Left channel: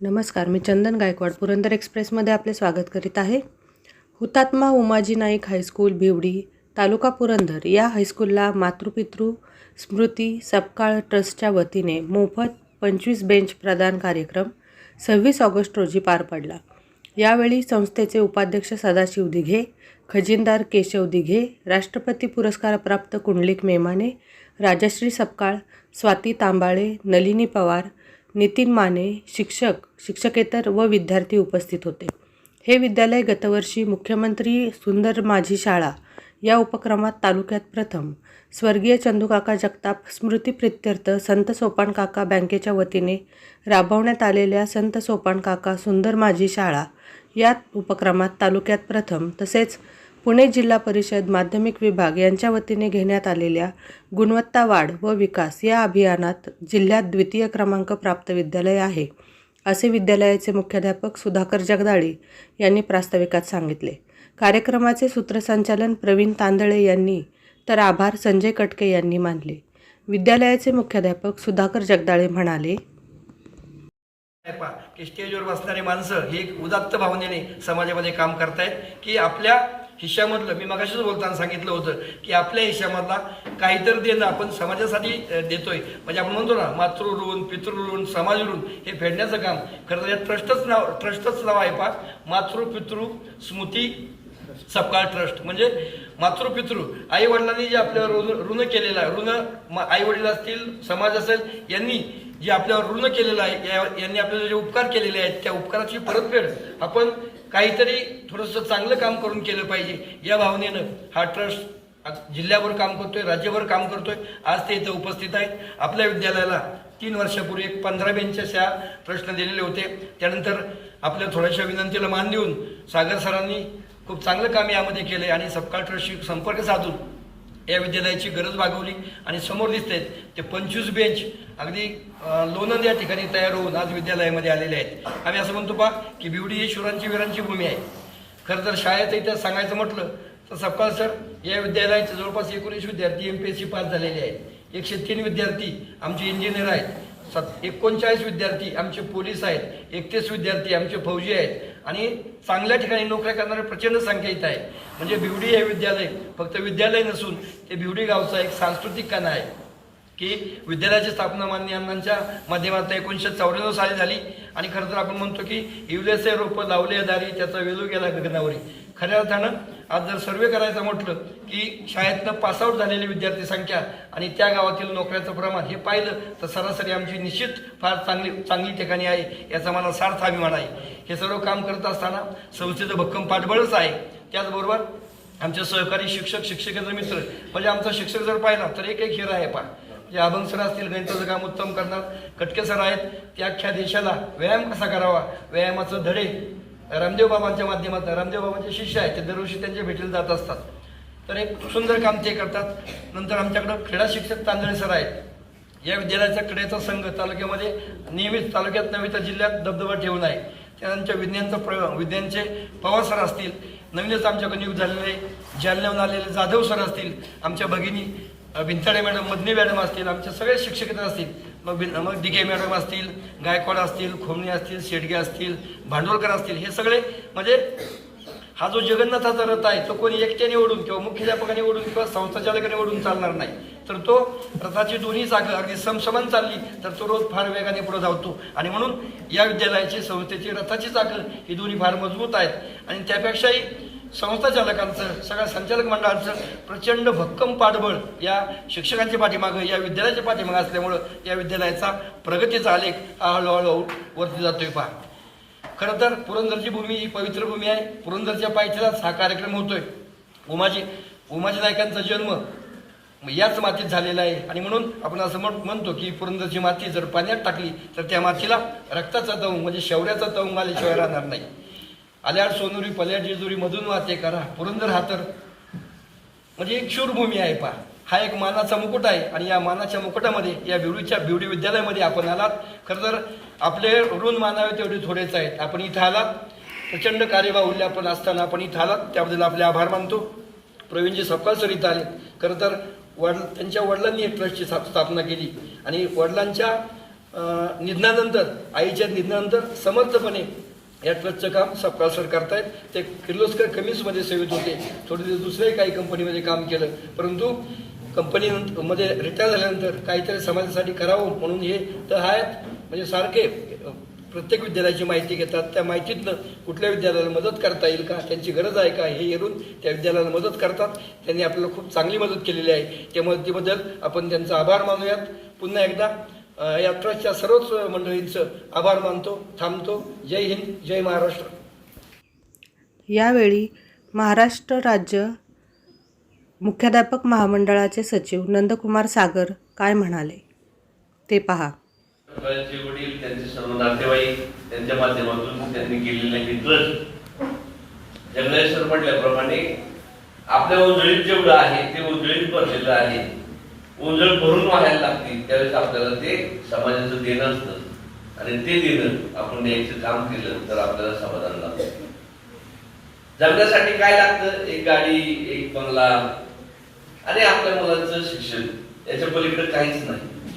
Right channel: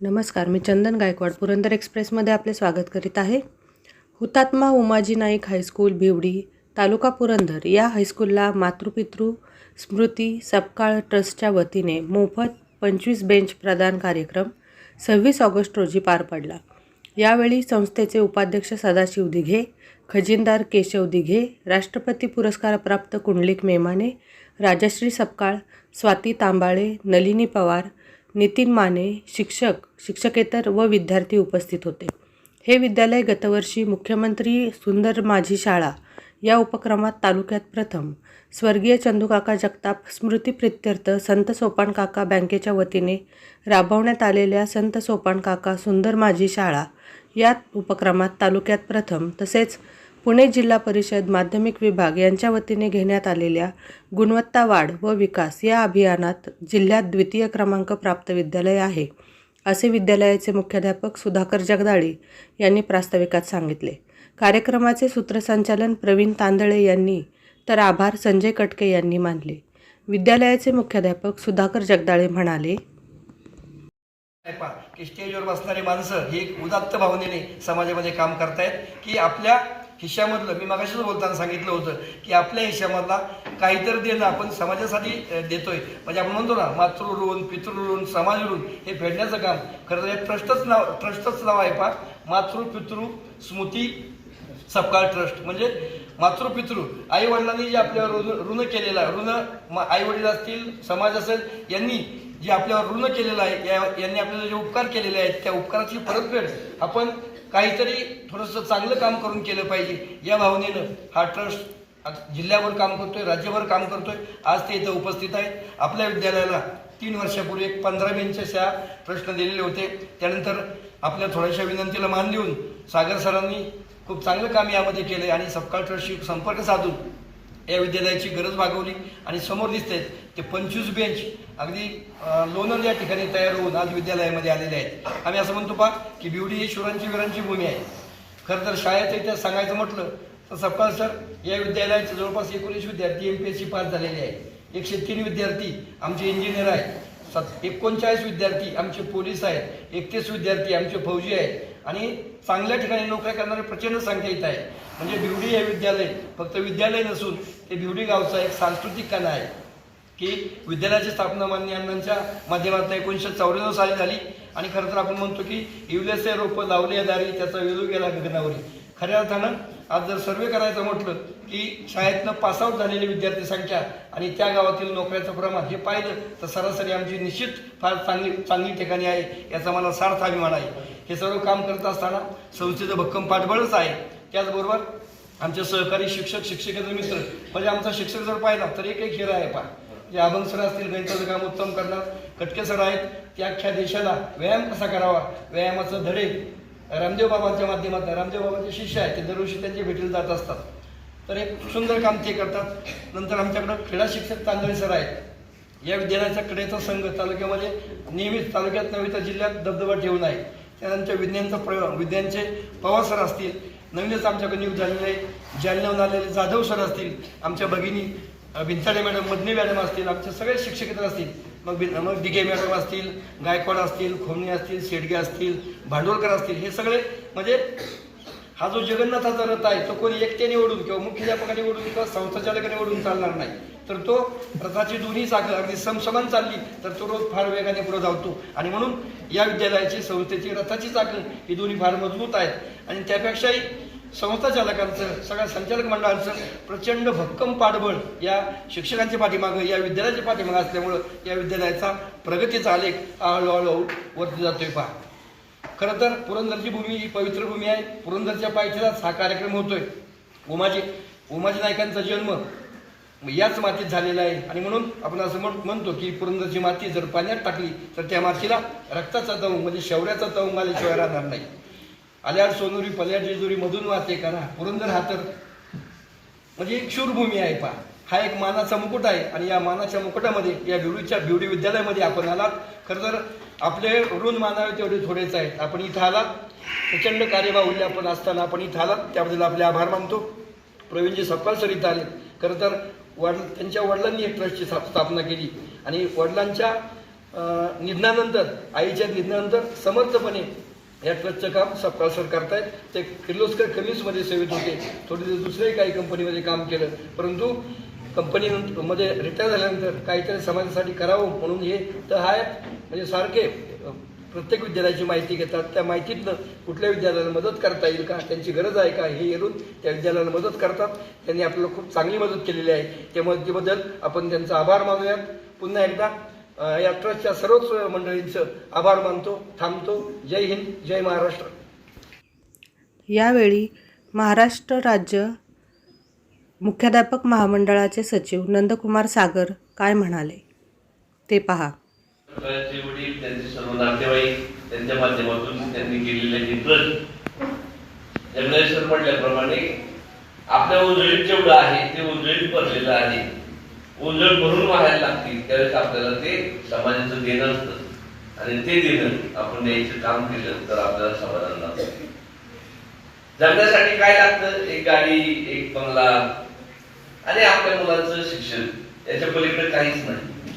नमस्कार मी चंदन गायकवाड पुरंदर एक्सप्रेसमध्ये आपले स्वागत करीत आहे. हुतात्मा उमाजी नाईक हायस्कूल भिवडी तालुका पुरंदर. या हायस्कूलला मातृपितृ स्मृती सपकाळ ट्रस्टच्या वतीने मोफत पंचवीस बेंच प्रदान कार्यक्रम सव्वीस ऑगस्ट रोजी पार पडला. यावेळी संस्थेचे उपाध्यक्ष सदाशिव दिघे खजिनदार केशव दिघे राष्ट्रपती पुरस्कारप्राप्त कुंडलिक मेमाने राजश्री सपकाळ स्वाती तांबाळे नलिनी पवार नितीन माने शिक्षक शिक्षकेतर व विद्यार्थी उपस्थित होते. हे विद्यालय गतवर्षी मुख्यमंत्री सुंदर माझी शाळा या उपक्रमात तालुक्यात प्रथम. स्वर्गीय चंदूकाका जगताप स्मृती प्रित्यर्थ संत सोपान काका बँकेच्या वतीने राबवण्यात आलेल्या संत सोपान काका सुंदर माझी शाळा या उपक्रमात तालुक्यात प्रथम तसेच पुणे जिल्हा परिषद माध्यमिक विभाग यांच्या वतीने घेण्यात आलेल्या गुणवत्ता वाढ व विकास या अभियानात जिल्ह्यात द्वितीय क्रमांक प्राप्त विद्यालय आहे. असे विद्यालयाचे मुख्याध्यापक सुधाकर जगदाळे यांनी प्रास्ताविकात सांगितले. कार्यक्रमाचे सूत्रसंचालन प्रवीण तांदळे यांनी तर आभार संजय कटके यांनी मानले. विद्यालयाचे मुख्याध्यापक सुधाकर जगदाळे म्हणाले की स्टेजवर बसणारी माणसं ही उदात्त भावनेने समाजामध्ये काम करतायत की आपल्या हिश्श्यामधलं मी मगाशीच बोलताना सांगितलं होतं की आपल्या हिश्श्यामधला काहीतरी देणं आपण समाजासाठी देतोय. म्हणजे आपण म्हणतो ना मातृ ऋण पितृ ऋण समाज ऋण हे फेडण्याचं काम. खरं तर ट्रस्टच नाव ट्रस्टच नाव आहे पा मातृ पितृ स्मृती सपकाळ ट्रस्ट. म्हणजे मातृपितृ आई वडिलांनी जे आपल्यावर ऋण ऋण केलेलं आहे ऋण आई वडील असतील समाज असेल यांनी जे आपल्यावर ऋण केलेलं आहे या- यांनी आपल्याला जे उपकार केलेले आहेत त्या उपकाराची परतफेड आपण काहीतरी थोडंसं चांगलं काम करून केलं पाहिजे. या भावनेनं हा ट्रस्ट जिल्ह्यावर काम करतोय राज्यभर काम करतोय. आज ते इथं उपस्थित आहेत. आपल्या विद्यालयाला तीन वर्षापूर्वी एक पंधरा बेंचेस प्रश्न दिलेले होते. त्यानंतर आपल्या थोड्याशा विनंतीला मान देऊन सागर सरांनी खूप चांगलं काम यामध्ये केले आणि सपकाळ ट्रस्टशी संपर्क साधून या विद्यालयाची गरज भागवली आणि समोर दिसते ते पंचवीस बेंच अगदी लोणंद या ठिकाणी तयार होऊन आज विद्यालयामध्ये आलेले आहेत. आम्ही असं म्हणतो पा की बिवडी ही शुरांची वीरांची भूमी आहे. खरं तर शाळेचं इतिहास सांगायचं म्हटलं तर सपकाळ सर या विद्यालयाचे जवळपास एकोणीस विद्यार्थी M P S C pass झालेले आहेत. एकशे तीन विद्यार्थी आमचे इंजिनियर आहेत. सत एकोणचाळीस विद्यार्थी आमचे पोलीस आहेत. एकतीस विद्यार्थी आमचे फौजी आहेत. आणि चांगल्या ठिकाणी नोकऱ्या करणारे प्रचंड संख्या इथं आहे. म्हणजे भिवडी हे विद्यालय फक्त विद्यालय नसून ते भिवडी गावचा एक सांस्कृतिक कणा आहे. की विद्यालयाची स्थापना मान्य अण्णांच्या माध्यमातून एकोणीसशे चौऱ्याण्णव साली झाली. आणि खरं तर आपण म्हणतो की युलेसे रोपं लावले दारी त्याचा वेलू गेला गगनावरी. खऱ्या अर्थानं आज जर सर्वे करायचं म्हटलं की शाळेतनं पासआउट झालेली विद्यार्थी संख्या आणि त्या गावातील नोकऱ्याचं प्रमाण हे पाहिलं तर सरासरी आमची निश्चित फार चांगली चांगली ठिकाणी आहे याचा मला सार्थ अभिमान आहे. हे सर्व काम करत असताना संस्थेचं भक्कम पाठबळच आहे. त्याचबरोबर आमचे सहकारी शिक्षक शिक्षकेंद्र मित्र म्हणजे आमचा शिक्षक जर पाहिला तर एक एक हिरा आहे पा जे अभंग सर असतील गणिताचं काम उत्तम करणार कटके सर आहेत त्या अख्ख्या देशाला व्यायाम कसा करावा? व्यायामाचं धडे रामदेव बाबांच्या माध्यमातून रामदेव बाबांचे शिष्य आहेत ते दरवर्षी त्यांच्या भेटीला जात असतात. तर एक सुंदर काम ते करतात. नंतर आमच्याकडं क्रीडा शिक्षक तांदळे सर आहेत. या विद्यालयाचा क्रीडेचा संघ तालुक्यामध्ये नियमित तालुक्यात नव्हे तर जिल्ह्यात दबदबा ठेवून आहे. त्यानंतर विज्ञानचा प्र विज्ञानचे पवार सर असतील. नवीनच आमच्याकडे नियुक्त झालेले जालन्याहून आलेले जाधव सर असतील. आमच्या भगिनी भिंताडे मॅडम मदनी मॅडम असतील. आमचे सगळे शिक्षक असतील. मग मग दिघे मॅडम असतील गायकवाड असतील खोमणे असतील शेडगे असतील भांडवलकर असतील हे सगळे म्हणजे हा जो जगन्नाथाचा रथ आहे तो कोणी एकट्याने ओढून किंवा मुख्याध्यापकाने ओढून किंवा संस्थाचालकाने ओढून चालणार नाही. तर तो रथाची दोन्ही चाकं अगदी समसमान चालली तर तो रोज फार वेगाने पुढे धावतो. आणि म्हणून या विद्यालयाची संस्थेची रथाची चाकं ही दोन्ही फार मजबूत आहेत. आणि त्यापेक्षाही संस्थाचालकांचं सगळ्या संचालक मंडळाचं प्रचंड भक्कम पाठबळ या शिक्षकांच्या पाठीमागं या विद्यालयाच्या पाठीमागं असल्यामुळं या विद्यालयाचा प्रगतीचा आलेख हा हळूहळू वरती जातोय पहा. खरं तर पुरंदरची भूमी ही पवित्र भूमी आहे. पुरंदरच्या पायथ्यालाच हा कार्यक्रम होतोय. उमाजी उमाजी नायकांचा जन्म याच मातीत झालेला आहे. आणि म्हणून आपण असं म्हण- म्हणतो की पुरंदरची माती जर पाण्यात टाकली तर त्या मातीला रक्ताचा तवंग म्हणजे शौर्याचा तवंग आल्याशिवाय राहणार नाही. आल्याड सोनुरी पल्याड जेजुरी मधून वाते करा. पुरंदर हातर म्हणजे एक शूरभूमी आहे पहा. हा एक मानाचा मुकुट आहे आणि या मानाच्या मुकुटामध्ये या बिवडीच्या बिवडी विद्यालयामध्ये आपण आलात. खरं तर आपले ऋण मानावे तेवढे थोडेच आहेत. आपण इथं आलात. प्रचंड कार्यबाहुल्य आपण असताना आपण इथं आलात. त्याबद्दल आपले आभार मानतो. प्रवीणजी सपकाळ सर इथं आले. खरं तर वड त्यांच्या वडिलांनी एक ट्रस्टची स्थाप- स्थापना केली. आणि वडिलांच्या निधनानंतर आईच्या निधनानंतर समर्थपणे या ट्रस्टचं काम सपकाळ सर करतायत. ते किर्लोस्कर कमीजमध्ये सेवेत होते. थोडे दिवस दुसऱ्याही काही कंपनीमध्ये काम केलं. परंतु कंपनी मध्ये रिटायर झाल्यानंतर काहीतरी समाजासाठी करावं म्हणून हे तर आहेत म्हणजे सारखे प्रत्येक विद्यालयाची माहिती घेतात. त्या माहितीतनं कुठल्या विद्यालयाला मदत करता येईल का त्यांची गरज आहे का हे येऊन त्या विद्यालयाला मदत करतात. त्यांनी आपल्याला खूप चांगली मदत केलेली आहे. त्या मदतीबद्दल आपण त्यांचा आभार मानूयात. पुन्हा एकदा या ट्रस्टच्या सर्वच मंडळींचं आभार मानतो थांबतो. जय हिंद जय महाराष्ट्र. यावेळी महाराष्ट्र राज्य मुख्याध्यापक महामंडळाचे सचिव नंदकुमार सागर काय म्हणाले? ते पहा. वडील त्यांचे सर्व नातेवाईक त्यांच्या माध्यमातून त्यांनी केलेले जगदीश सर म्हटल्याप्रमाणे आपल्या उंजळीत जेवढं आहे ते उंजळीत भरलेलं आहे. उंजळ भरून व्हायला लागतील त्यावेळेस आपल्याला ते समाजाचं देणं असतं. आणि ते देणं आपण द्यायचं काम केलं तर आपल्याला समाधान लागतं. जगण्यासाठी काय लागतं? एक गाडी एक बंगला. आणि आपल्या मुलांचं शिक्षण. याच्या पलीकडे काहीच नाही.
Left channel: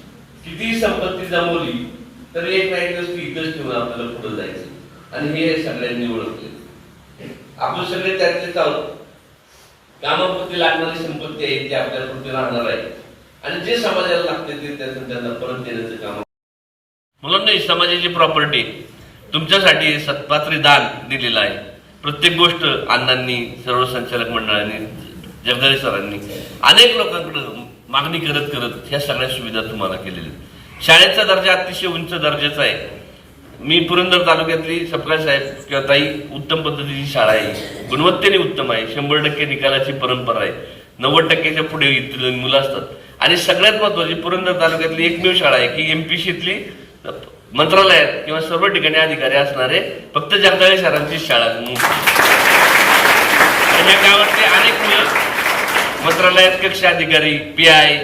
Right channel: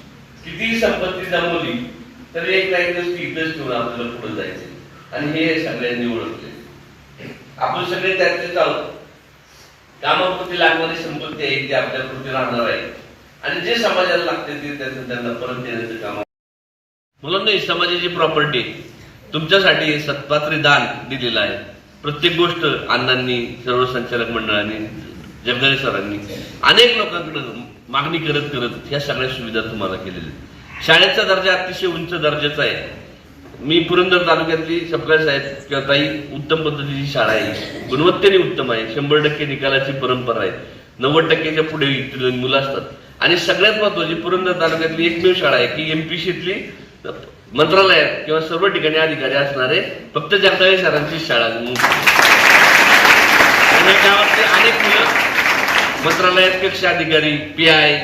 कितीही संपत्ती जमवली तरी एक ना एक दिवस इथंच ठेवून आपल्याला पुढे जायचं. आणि हे सगळ्यांनी ओळखले. आपण सगळे त्यातलेच आहोत. कामापुरती लागणारी संपत्ती आहे ती आपल्या पुढे राहणार आहे. आणि जे समाजाला लागते ते त्याचं त्यांना परत देण्याचं काम मुलांना समाजाची प्रॉपर्टी तुमच्यासाठी सत्पात्री दान दिलेलं आहे. प्रत्येक गोष्ट अण्णांनी सर्व संचालक मंडळांनी जगदाळे सरांनी अनेक लोकांकडे मागणी करत करत ह्या सगळ्या सुविधा तुम्हाला केलेल्या शाळेचा दर्जा अतिशय उंच दर्जाचा आहे. मी पुरंदर तालुक्यातली सपकाळ साहेब किंवा ताई उत्तम पद्धतीची शाळा आहे. गुणवत्तेने उत्तम आहे. शंभर टक्के निकालाची परंपरा आहे. नव्वद टक्क्याच्या पुढे मुलं असतात. आणि सगळ्यात महत्वाची पुरंदर तालुक्यातली एकमेव शाळा आहे की एमपीसीतली मंत्रालयात किंवा सर्व ठिकाणी अधिकारी असणारे फक्त जगदाळे शहरांची शाळा गावातले अनेक मंत्रालयात कक्ष अधिकारी पी आय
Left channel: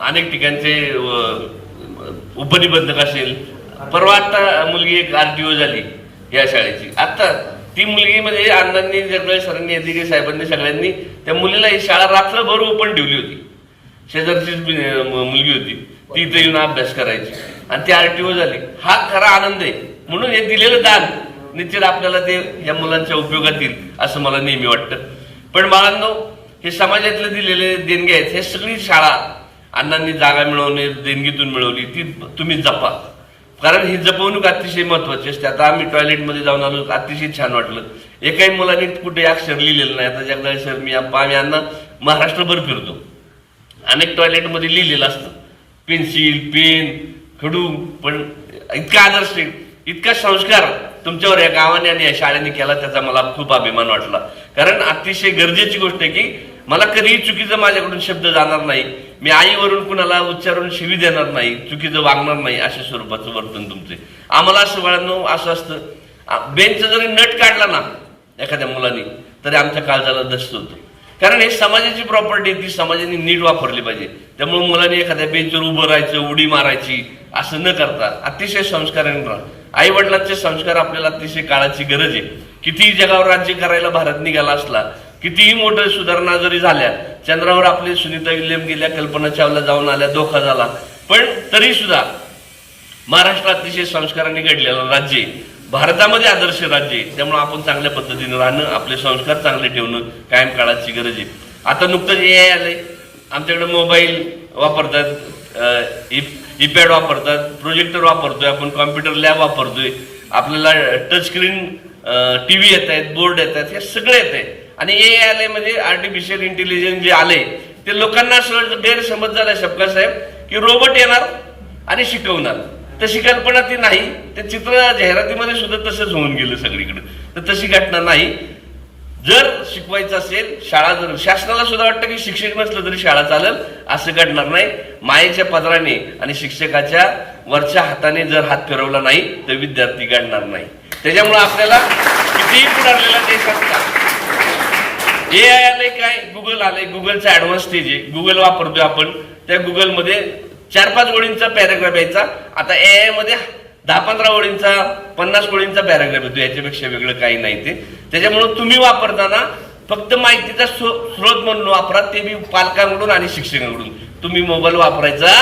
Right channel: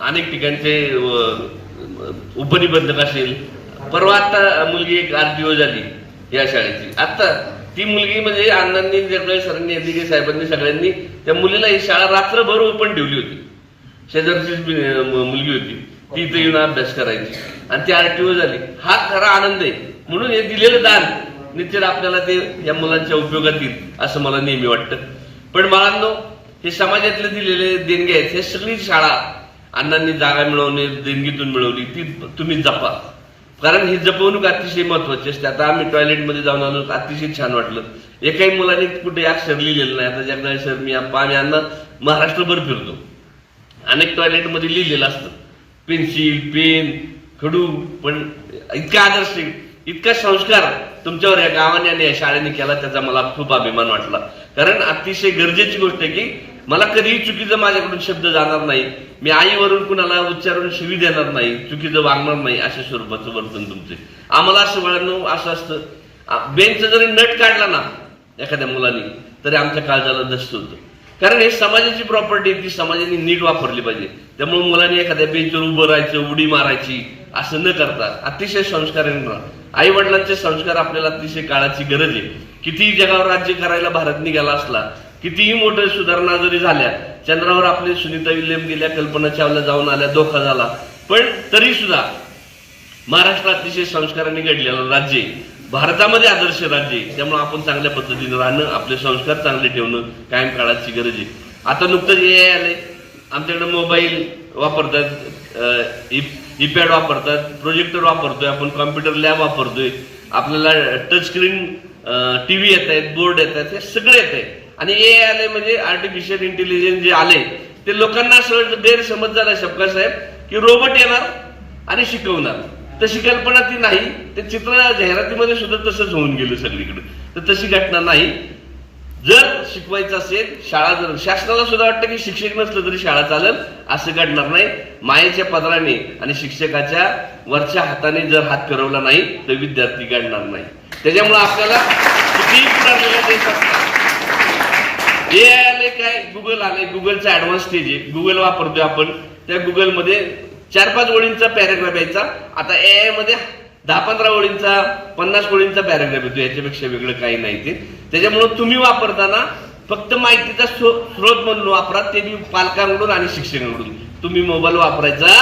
अनेक ठिकाणचे उपनिबंधक असेल. परवा आता मुलगी एक आरटीओ झाली या शाळेची. आता ती मुलगी म्हणजे अण्णांनी जगदाळे सरांनी अधिकारी साहेबांनी सगळ्यांनी त्या मुलीला ही शाळा रात्रभर ओपन ठेवली होती. शेजारचीच मुलगी होती. ती इथे येऊन अभ्यास करायची. आणि ती आरटीओ झाली. हा खरा आनंद आहे. म्हणून हे दिलेलं दान निश्चित आपल्याला ते या मुलांच्या उपयोगात येईल असं मला नेहमी वाटतं. पण बाळांनो हे समाजातले दिलेले देणगे आहेत. हे सगळी शाळा अण्णांनी जागा मिळवणे देणगीतून मिळवली. ती तुम्ही जपा. कारण ही जपवणूक अतिशय महत्वाची असते. आता आम्ही टॉयलेटमध्ये जाऊन आलो अतिशय छान वाटलं. एकाही मुलांनी कुठे अक्षर लिहिलेलं नाही. आता जगदाळे सर मी आम्ही अण्णा महाराष्ट्रभर फिरतो. अनेक टॉयलेटमध्ये लिहिलेलं असतं. पेन्सिल पेन खडू पण इतका आदर्श इतका संस्कार तुमच्यावर या गावाने आणि या शाळेने केला त्याचा मला खूप अभिमान वाटला. कारण अतिशय गरजेची गोष्ट आहे की मला कधीही चुकीचं माझ्याकडून शब्द जाणार नाही. मी आईवरून कुणाला उच्चारून शिवी देणार नाही चुकीचं वागणार नाही अशा स्वरूपाचं वर्तन तुमचे आम्हाला असं बाळांनो असं असतं. बेंच जरी नट काढला ना एखाद्या मुलाने तरी आमच्या काळजाला दस्त होतं कारण हे समाजाची प्रॉपर्टी ती समाजाने नीट वापरली पाहिजे. त्यामुळे मुलांनी एखाद्या बेंचवर उभं राहायचं उडी मारायची असं न करता अतिशय संस्काराने राहा. आई वडिलांचे संस्कार आपल्याला अतिशय काळाची गरज आहे. कितीही जगावर राज्य करायला भारत निघाला असला कितीही मोठ्या सुधारणा जरी झाल्या चंद्रावर आपले सुनीता विल्यम गेल्या कल्पना चावला जाऊन आल्या धोका झाला. पण तरी सुद्धा महाराष्ट्र अतिशय संस्काराने घडलेलं राज्य आहे. भारतामध्ये आदर्श राज्य आहे. त्यामुळे आपण चांगल्या पद्धतीने राहणं आपले संस्कार चांगले ठेवणं कायम काळाची गरज आहे. आता नुकतंच ए आय आलंय. आमच्याकडे मोबाईल वापरतात ईपॅड वापरतात प्रोजेक्टर वापरतोय आपण कॉम्प्युटर लॅब वापरतोय. आपल्याला टच स्क्रीन टीव्ही येत आहेत बोर्ड येत आहेत हे सगळे येत आहे. आणि ए आय आले म्हणजे आर्टिफिशियल इंटेलिजन्स जे आले ते लोकांना असं गैरसमज झालाय शपका साहेब की रोबोट येणार आणि शिकवणार. तशी कल्पना ती नाही. ते चित्र जाहिरातीमध्ये सुद्धा तसंच होऊन गेलं सगळीकडे. तर तशी घटना नाही. जर शिकवायचं असेल शाळा जर शासनाला सुद्धा वाटतं की शिक्षक नसलं तरी शाळा चालेल. असं घडणार नाही. मायेच्या पदराने आणि शिक्षकाच्या वरच्या हाताने जर हात फिरवला नाही तर विद्यार्थी घडणार नाही. त्याच्यामुळे आपल्याला कितीही पुढारलेला देश असला ए आय आलंय काय? गुगल आलंय. गुगलचा ऍडव्हान्स स्टेज आहे. गुगल वापरतोय आपण. त्या गुगलमध्ये चार पाच ओळींचा पॅराग्राफ यायचा. आता ए आयमध्ये दहा पंधरा ओळींचा पन्नास ओळींचा पॅराग्राफ येतो. याच्यापेक्षा वेगळं काही नाही ते. त्याच्यामुळं तुम्ही वापरताना फक्त माहितीचा स्रोत म्हणून वापरा. ते बी पालकांकडून आणि शिक्षकांकडून. तुम्ही मोबाईल वापरायचा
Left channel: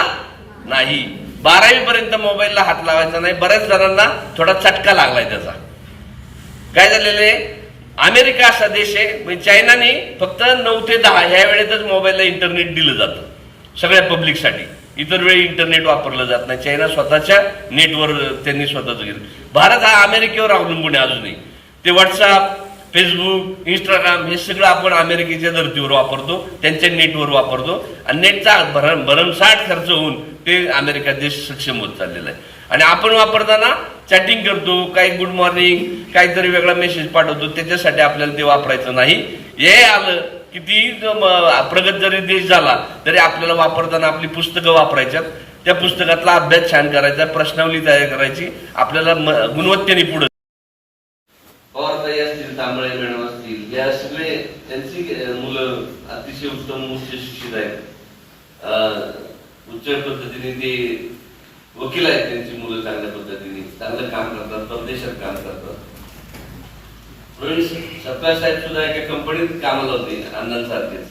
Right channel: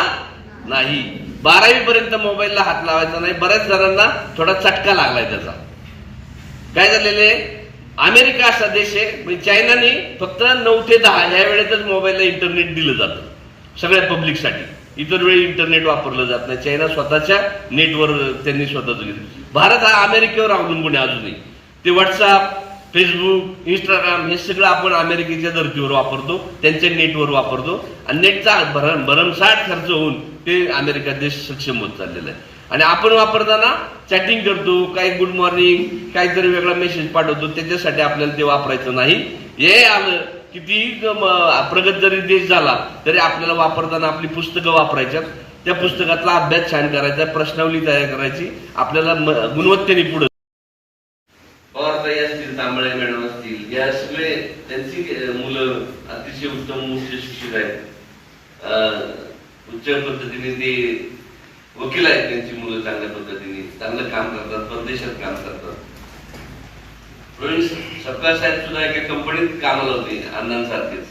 नाही. बारावी पर्यंत मोबाईलला हात लावायचा नाही. बऱ्याच जणांना थोडा चटका लागलाय त्याचा. काय झालेलं आहे? अमेरिका असा देश आहे. म्हणजे चायनाने फक्त नऊ ते दहा ह्या वेळेतच मोबाईलला इंटरनेट दिलं जातं. सगळ्या पब्लिकसाठी इतर वेळी इंटरनेट वापरलं जात नाही. चायना स्वतःच्या नेटवर त्यांनी स्वतःच घेतलं. भारत हा अमेरिकेवर अवलंबून आहे अजूनही. ते व्हॉट्सअप फेसबुक इंस्टाग्राम हे सगळं आपण अमेरिकेच्या धर्तीवर वापरतो त्यांच्या नेटवर वापरतो. आणि नेटचा भरम भरमसाठ खर्च होऊन ते अमेरिका देश सक्षम होत चाललेला आहे. आणि आपण वापरताना चॅटिंग करतो काही गुड मॉर्निंग काहीतरी वेगळा मेसेज पाठवतो त्याच्यासाठी आपल्याला ते वापरायचं नाही. हे आलं किती प्रगत जरी देश झाला तरी आपल्याला वापरताना आपली पुस्तकं वापरायच्यात. त्या पुस्तकातला अभ्यास छान करायचा प्रश्नावली तयार करायची. आपल्याला गुणवत्तेने पुढे. पवारताई असतील तांबळे मॅडम असतील या सगळे त्यांची मुलं अतिशय उत्तम उच्च शिक्षित आहेत. उच्च पद्धतीने ते वकील आहेत त्यांची मुलं चांगल्या पद्धतीने चांगलं काम करतात परदेशात काम करतात. प्रवीण सपकाळ साहेब सुद्धा एका कंपनीत कामाला होते अण्णांसारखेच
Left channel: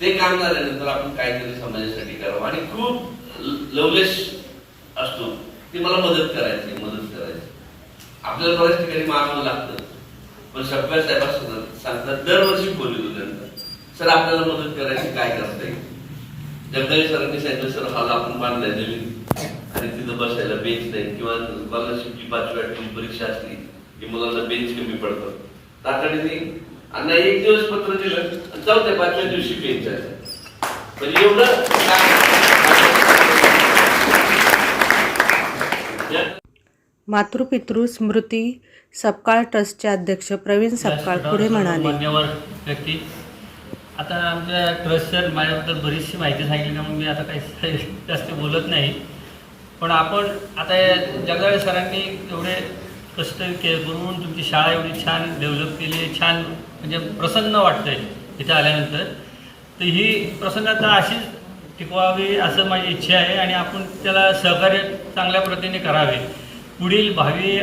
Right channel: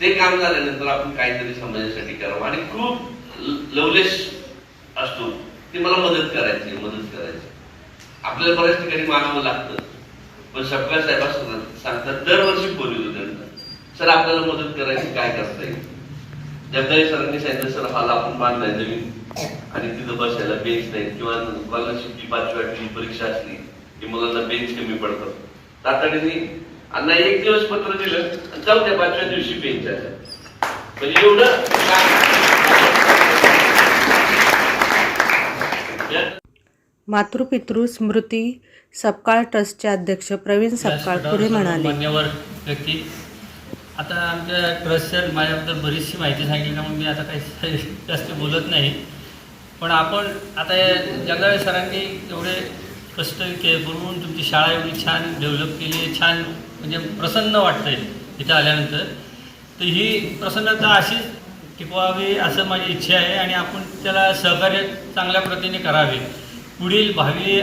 ते काम झाल्यानंतर आपण काहीतरी समाजासाठी करावं. आणि खूप लवलेस असतो. ते मला मदत करायची मदत करायची. आपल्याला बऱ्याच ठिकाणी मागावं लागतं. पण सगळ्या साहेब सांगतात दरवर्षी फोन त्यांना सर आपल्याला मदत करायची काय करता येईल? जगदाळी सरांनी सांगितलं सर मला आपण बांधलाय नवीन. आणि तिथं बसायला बेंच नाही. किंवा स्कॉलरशिपची पाचवी आठवी परीक्षा असली की मुलांना बेंच कमी पडतात तातडीने अण्णा एक दिवस पत्र दिलं आणि चौथ्या पाचव्या दिवशी बेंच आहे. म्हणजे एवढं मातृपितृ स्मृती सपकाळ ट्रस्टचे अध्यक्ष प्रवीण सपकाळ पुढे म्हणाले. मान्यवर व्यक्ती. आता आमच्या ट्रस्ट सर माझ्याबद्दल बरीचशी माहिती सांगितली म्हणून मी आता काही जास्त बोलत नाही. पण आपण आता जगदाळे सरांनी एवढे कष्ट के करून तुमची शाळा एवढी छान डेव्हलप केली आहे छान म्हणजे प्रसन्न वाटतंय इथं आल्यानंतर. तर ही प्रसन्नता अशीच टिकवावी असं माझी इच्छा आहे आणि आपण त्याला सहकार्य चांगल्या प्रतीने करावे. पुढील भावी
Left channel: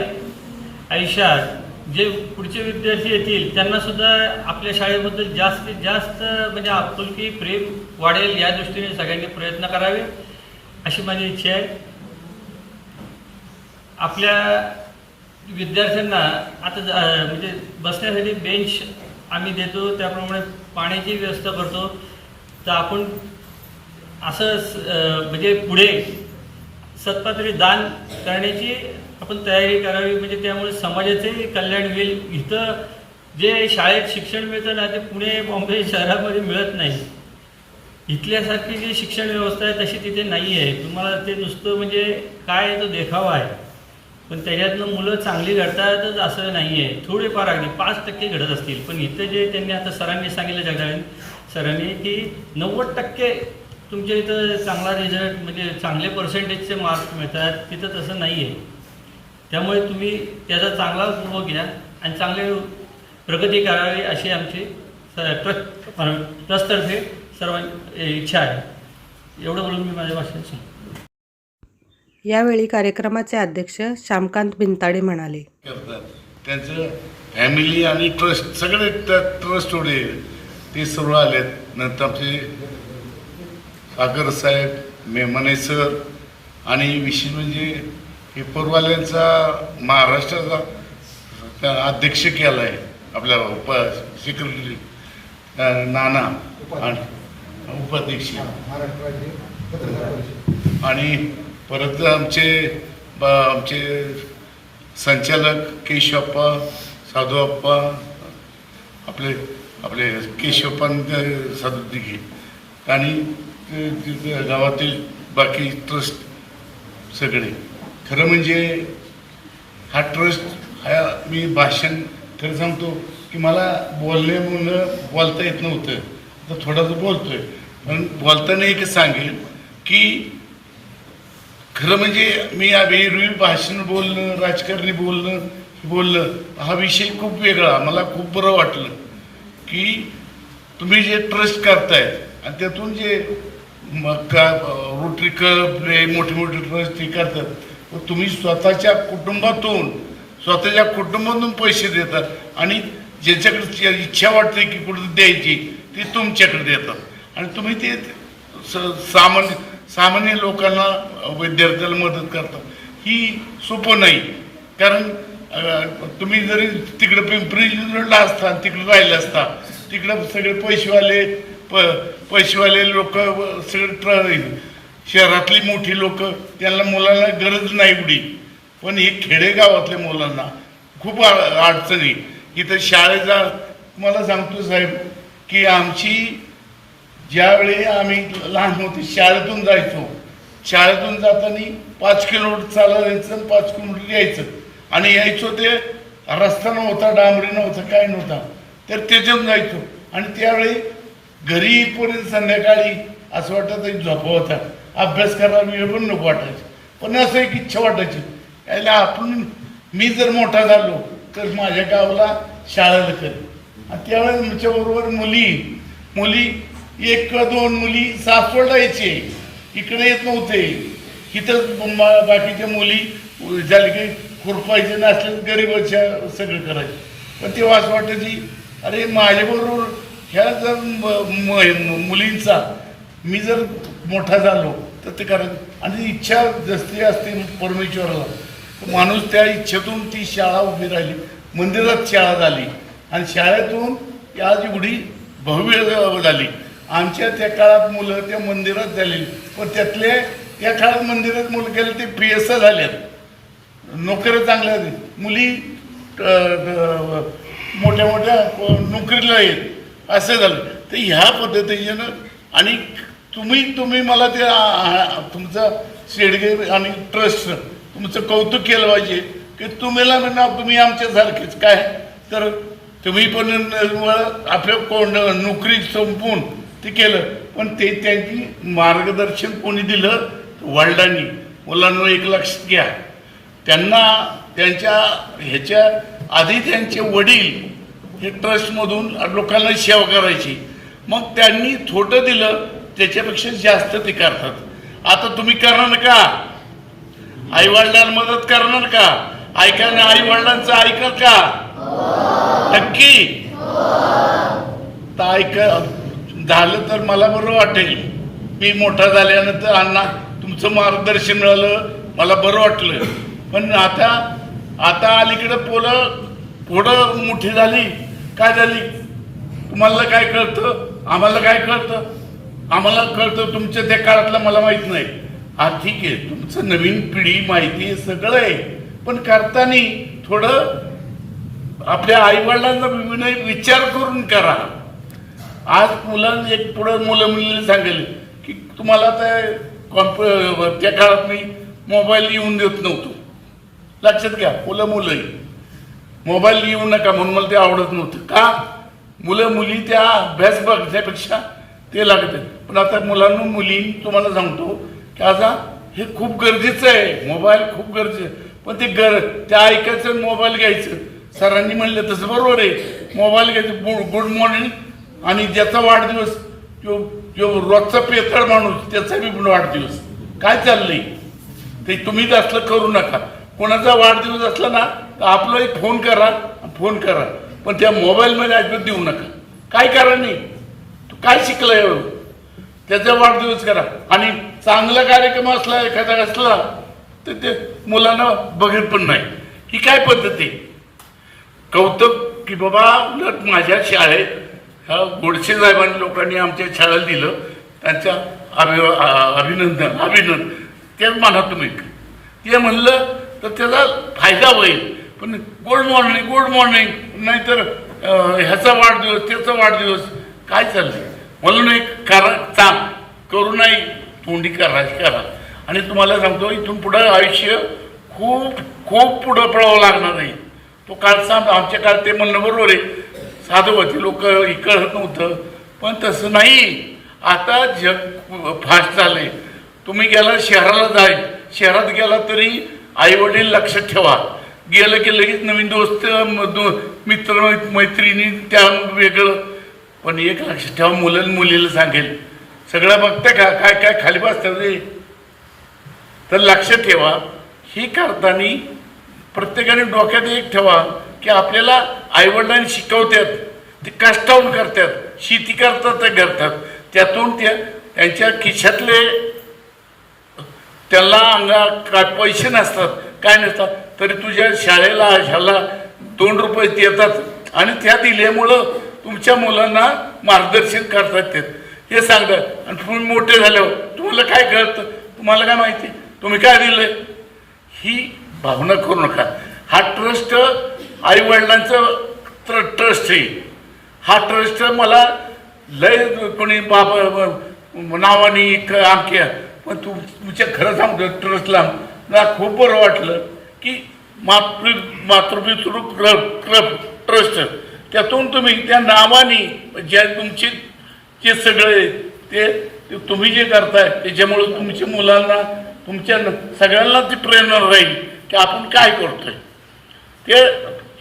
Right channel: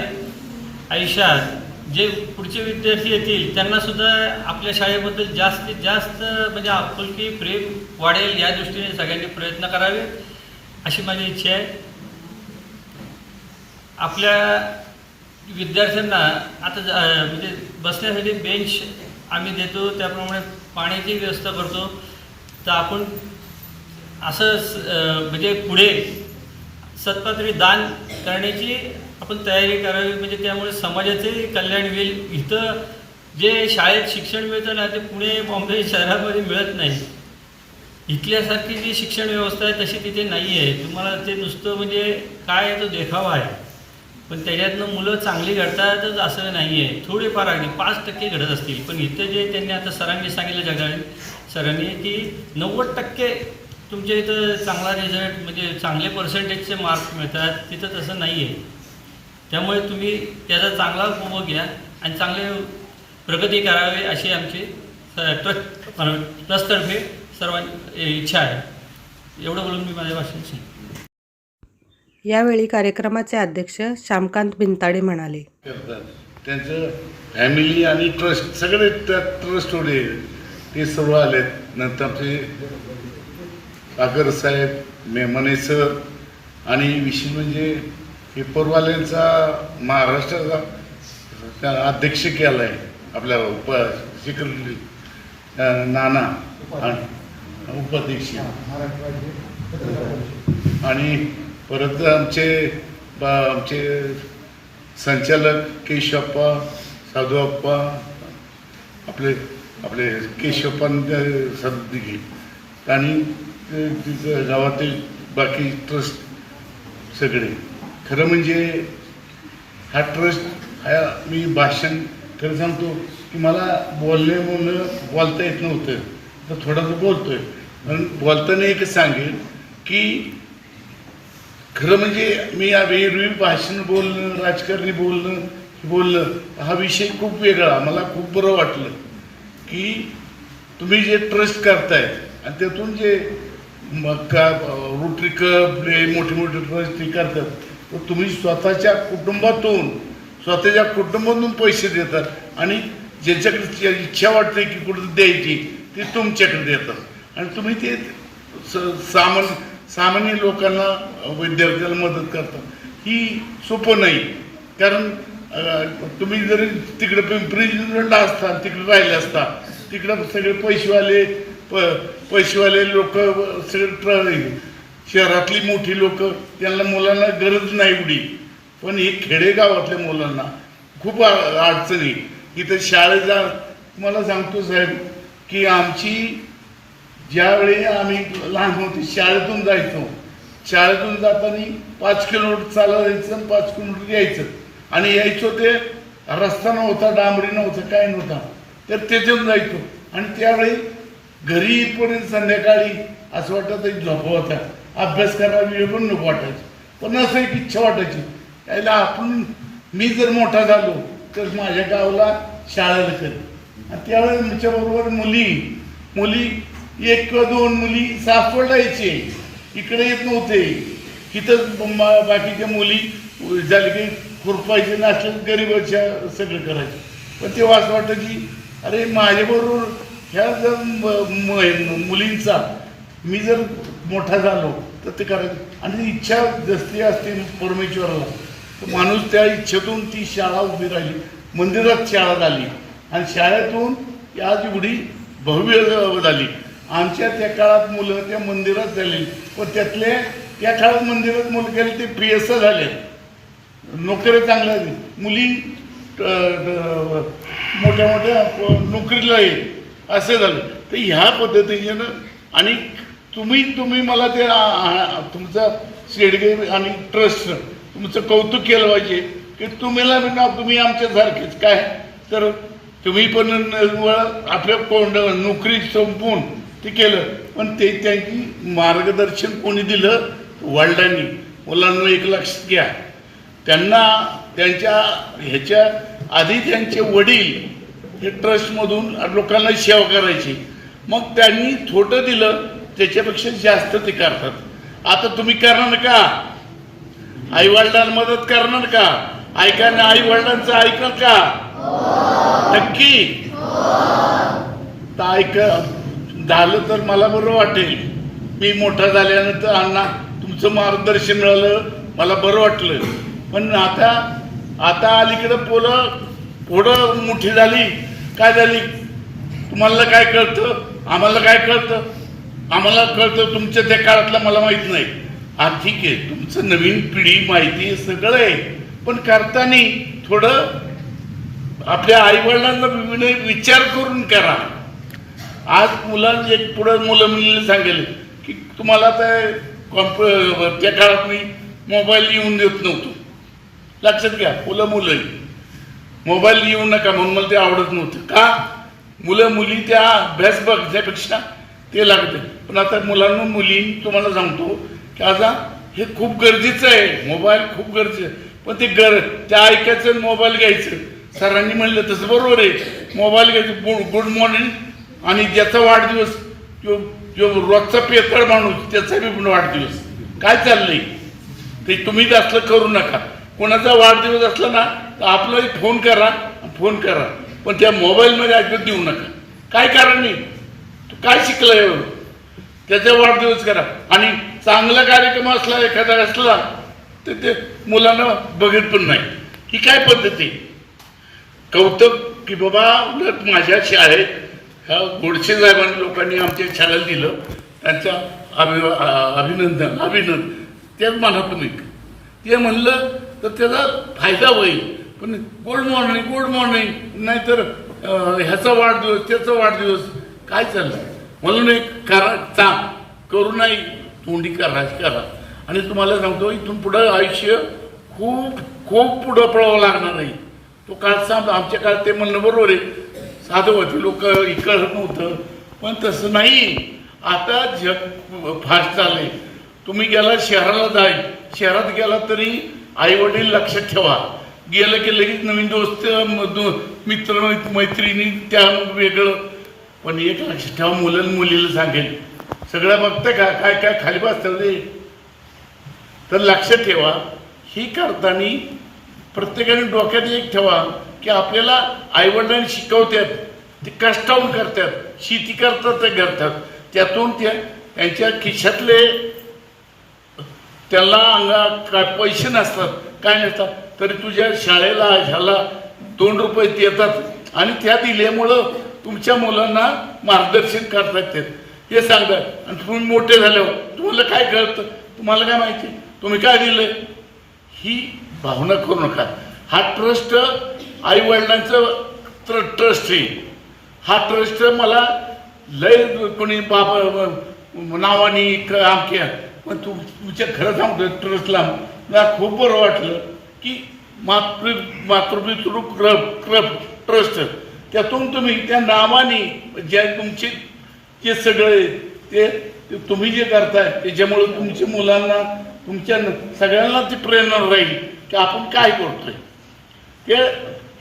आयुष्यात जे पुढचे विद्यार्थी येतील त्यांनासुद्धा आपल्या शाळेबद्दल जास्तीत जास्त म्हणजे आपुलकी प्रेम वाढेल या दृष्टीने सगळ्यांनी प्रयत्न करावे अशी माझी इच्छा आहे. आपल्या विद्यार्थ्यांना आता म्हणजे बसण्यासाठी बेंच आम्ही देतो त्याप्रमाणे पाण्याची व्यवस्था करतो. तर आपण असं स- म्हणजे पुढे सत्पात्री दान करण्याची आपण तयारी करावी म्हणजे त्यामुळे समाजाचे कल्याण होईल. इथं जे शाळेत शिक्षण मिळतं ना ते पुणे बॉम्बे शहरामध्ये मिळत नाही. इथल्यासारखी जी शिक्षण व्यवस्था आहे तशी तिथे नाही आहे तुम्हाला ते नुसतं म्हणजे काय आहे तो देखावा आहे. पण त्याच्यातनं मुलं चांगली घडतातच असं नाही आहे थोडेफार अगदी पाच टक्के घडत असतील. पण इथं जे त्यांनी आता सरांनी सांगितलं जगा सरांनी की नव्वद टक्के तुमच्या इथं चांगला रिझल्ट म्हणजे चांगले पर्सेंटेजचे मार्क मिळतात. तिथं तसं नाही आहे त्यामुळे तुम्ही त्याचा चांगला उपभोग घ्या आणि चांगले प्रगती करावी अशी आमची ट्रस्ट ट्रस्टतर्फे सर्वांची इच्छा आहे. एवढं बोलून मी माझ्या भाषण संपवतो. यावेळी कार्यक्रमाचे अध्यक्ष श्यामकांत बिनताडे म्हणाले. करतात. त्यांचं फॅमिली आणि ट्रस्ट सगळे त्यात ट्रस्ट होते ते सर्व आलेत. नंतर आमचे सागर साहेब मेमने सर आणि विशेष म्हणजे हे पूर्वाल्यांचा महाराष्ट्राचा त्या अध्यक्ष केला आहे आपल्या उप सेक्रेटरी नाना आणि उपाध्यक्ष. आणि परत आमचे बा आमचे संचालक केशवप्पा साधूअप्पा आपले आपले केशवप्पा साधू दिघे आणि तिथं गावातील बाकी ट्रस्ट सगळे. खरं म्हणजे हा ट्रस्ट हा मी भाषण खरं सांगतो की मला बोलणे म्हणून बोलता येत नव्हतं. तर थोडासा बोलतोय. पण बोलताना एक सांगेन की खरं म्हणजे मी या वेळी भाषण बोलणं राजकारणी बोलणं बोलणं हा विषय खूप वेगळा. मला खूप बरं वाटलं की तुम्ही जे ट्रस्ट करतायत आणि त्यातून जे मग का रोटरी कप मोठे मोठे ट्रस्ट ते करतात व तुम्ही स्वतःच्या कुटुंबातून स्वतःच्या कुटुंबातून पैसे देतात आणि ज्यांच्याकडे इच्छा वाटते की कुठं द्यायची ती तुमच्याकडे देतात. आणि तुम्ही ते स- सामान्य सामान्य लोकांना विद्यार्थ्याला मदत करतात. ही सोपं नाही. कारण तुम्ही जरी तिकडे पिंपरी चिंचवडला असता तिकडे राहिले असता तिकडं सगळे पैसेवाले प पैसेवाले लोक सगळे ट्र शहरातली मोठी लोक त्यांना मुलांना गरज नाही एवढी. पण हे खेडेगावातल्या मुलांना खूप अडचणी इथं शाळेचा मला सांगतो साहेब की आमची ज्यावेळी आम्ही लहान होती शाळेतून जायचो शाळेतून जाताना पाच किलोमीटर चालायचं आणि पाच किलोमीटर यायचं. आणि यायचो ते रस्ता नव्हता डांबरी नव्हता काय नव्हता. तर त्याच्यातून जायचो. आणि त्यावेळी घरी येईपर्यंत संध्याकाळी असं वाटत झोपा होता. अभ्यास करायला वेळ पण नको वाटायचं. पण असं एक इच्छा वाटायची. यायला आपण मी जर मोठा झालो तर माझ्या गावाला शाळेला करेन. आणि त्यावेळेस आमच्याबरोबर मुली. मुली एक किंवा दोन मुली सासवडला यायची इकडे येत नव्हते. इथं बाकीच्या मुली झाले की खुरपायचे नसले गरीबाच्या सगळं करायचे. पण तेव्हा असं वाटायची अरे माझ्याबरोबर ह्या जर म- मुलींचा मी जर मोठा झालो तर ते करायचं. आणि इच्छा जसली असते परमेश्वराला तर माणूस त्या इच्छेतून ती शाळा उभी राहिली मंदिरात शाळा झाली. आणि शाळेतून आज एवढी भव्य झाली. आमच्या त्या काळात मुलं त्या मंदिरात झालेली पण त्यातले त्या काळात मंदिरात मुलं गेले ते पी एस झाल्यात नोकऱ्या चांगल्या आहेत. मुली मोठ्या मोठ्या नोकरीला येईल. असं झालं. तर ह्या पद्धतीनं आणि तुम्ही तुम्ही मला ते तुमचं शेडगे आणि ट्रस्ट तुमचं कौतुक केलं पाहिजे की तुम्हाला म्हणा तुम्ही आमच्यासारखेच. काय? तर तुम्ही पण आपल्या कोण नोकरी संपून ते केलं. पण ते त्यांची मार्गदर्शन कोणी दिलं? वडिलांनी. मुलांना एक लक्षात घ्या त्यांना त्यांच्या ह्याच्या आधी त्यांचे वडील हे ट्रस्टमधून लोकांना सेवा करायची. मग त्यांनी थोडं दिलं त्याच्यापेक्षा जास्त ते करतात. आता तुम्ही करणार का? आई वडिलांना मदत करणार का? ऐकायला आई वडिलांचं ऐकत का? नक्की? तर ऐक झालं तर मला बरं वाटेल. मी मोठा झाल्यानंतर अण्णा तुमचं मार्गदर्शन मिळालं मला बरं वाटलं. पण आता आता अलीकडं पोलं पुढं मोठी झाली. काय झाली? तुम्हाला काय कळतं? आम्हाला काय कळतं? आम्हाला कळतं तुमच्या त्या काळातलं मला माहीत नाही. हा ठीक आहे तुमचं नवीन पिढी माहिती सगळं आहे. पण करताना थोडं आपल्या आई वडिलांना विचार करून करा. आज मुलांनी एक पुढं मुलं मुलीला सांगेल की तुम्हाला आता कॉम्प त्या काळात मी मोबाईल येऊन देत नव्हतो. लक्षात घ्या मुलं मुलं मोबाईल येऊ नका म्हणून मला ते आवडत नव्हतं. का? मुलं मुली त्या अभ्यास बघण्यापेक्षा ते लागते पण आता मुलांना मुली तुम्हाला सांगतो की आता हे खूप गरजेचं आहे. मोबाईल खूप गरजेचं आहे. पण ते गर त्या ऐकायचं मोबाईल घ्यायचं. सरांनी म्हणलं तसं बरोबर आहे. मोबाईल घ्यायचं. गुड गुड मॉर्निंग आणि ज्याचा वाढदिवस जो जो रोजचा पेतळ माणूस त्याचा बी वाढदिवस. काय चाललंय? ते तुम्ही असलं करू नका. कोणाचा वाढदिवस असला ना तर आपला फोन करा फोन करा. पण त्या मोबाईलमध्ये अजिबात देऊ नका. काय कारण नाही तू काय शिकलाय? त्याचा वाढदिवस करा. आणि चांगला कार्यक्रम असला एखादा असला तर ते मुलांना बघत पण नाही. ही काय पद्धती आहे? कौतुक की बाबा उलट माझ्या शाळेत ह्या गोडसे साहेबांनी लोकांनी आमच्या शाळेला दिलं. त्यांच्या अभि अभिनंदन अभिनंदन. तेच म्हणा तुम्ही. ते म्हणलं तर त्याचा फायदा होईल. पण गुड मॉर्निंग गुड मॉर्निंग. नाहीतर ह्याचा वाढदिवस त्याचा वाढदिवस. काय चाललंय? म्हणून एक करा चांग करू नाही तोंडी करा करा. आणि तुम्हाला सांगतो इथून पुढं आयुष्य खूप खूप पुढं पळावं लागणार आहे. तो काळ सांग आमच्या काळात ते म्हणणं बरोबर आहे. साधं होते लोक कळत नव्हतं. पण तसं नाही. आता जग फास्ट झाले तुम्ही गेला शहराला जाईल. शहरात गेला तरी आई वडील लक्षात ठेवा. गेलं की लगेच नवीन दोस्त म- दो- मित्र मै- मैत्रिणी त्या मग वेगळं. पण एक लक्षात ठेवा मुलं मुलीला सांगेल. सगळं बघते का? काय काय खाली बसतं ते? तर लक्षात ठेवा. ही करताना प्रत्येकाने डोक्यात एक ठेवा. की आपल्याला आईवडिलांनी शिकवतात ते कष्टावून करतात शेती करतात ते करतात. त्यातून त्या त्यांच्या खिशातले त्यांना अंगा काय पैसे नसतात काय नसतात तरी तुझ्या शाळेला ह्याला दोन रुपये देतात आणि त्या दिल्यामुळं तुमच्या मुलांना मार्गदर्शन करतात ते. हे सांगतात. आणि तुम्ही मोठे झाल्यावर तुम्हाला काय कळतं? तुम्हाला काय माहिती? तुम्ही काय दिलं ही भावना करू नका. हा ट्रस्ट आई वडिलांचं ट्रस्ट आहे. हा ट्रस्ट मला लय कोणी बाप नावाने आमक्या पण तू तुमच्या खरं सांगतो ट्रस्टला मला खूप बरं वाटलं की मातृ मातृपितृ क्लब क्लब ट्रस्ट त्यातून तुम्ही त्या नावाने ज्या तुमचे जे सगळे ते तुम्ही जे करताय त्याच्यामुळे तुमच्या मुलांना तुमच्या न- सगळ्यांना ती प्रेरणा राहील की आपण काय करतोय. ते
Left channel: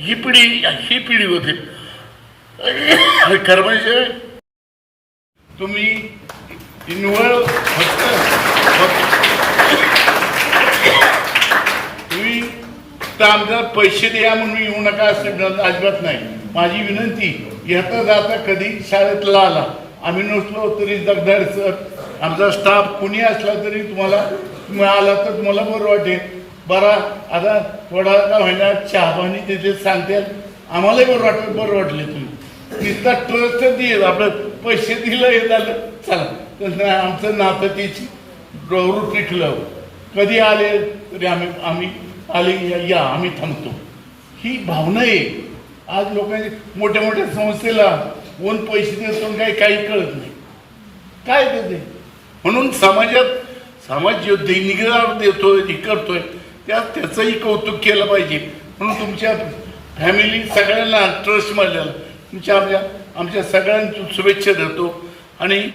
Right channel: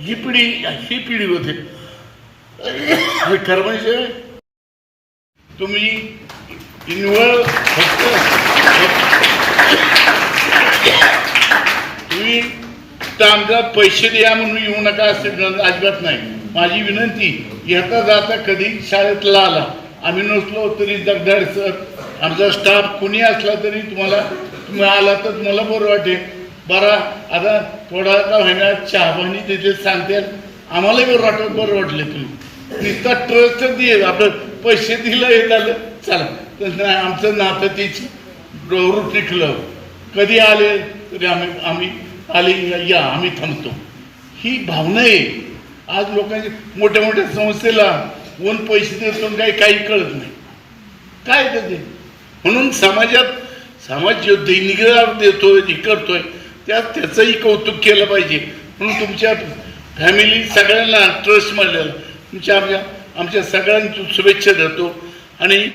ही पिढी ही पिढी होते. खरं म्हणजे तुम्ही इन्वॉल्व फक्त तुम्ही तर आमचा पैसे द्या म्हणून येऊ नका असं अजिबात नाही. माझी विनंती येता जाता कधी शाळेतला आला. आम्ही नसलो तरी जगदाड सर आमचा स्टाफ कुणी असला तरी तुम्हाला तुम्ही आला तर तुम्हाला बरं वाटेल. बरा आता थोडा का होईना चहा पाणी तिथे सांगते. आम्हालाही बरं वाटत बरं वाटले तुम्ही. इतका ट्रस्ट दे आपलं पैसे दिलं हे झालं. चला तर आमचं नातं त्याची प्रवृत्ती क्लब कधी आले तरी आम्ही आम्ही आले या आम्ही थांबतो. ही भावना आहे. आज लोकांची मोठ्या मोठ्या संस्थेला कोण पैसे देतो काही काही कळत नाही. काय ते म्हणून समाजात समाज जो दैनिक देतोय करतोय त्या त्याचंही कौतुक केलं पाहिजे. म्हणून तुमच्या फॅमिली सगळ्यांना ट्रस्ट मिळालेला तुमच्या आमच्या आमच्या सगळ्यांची शुभेच्छा देतो. आणि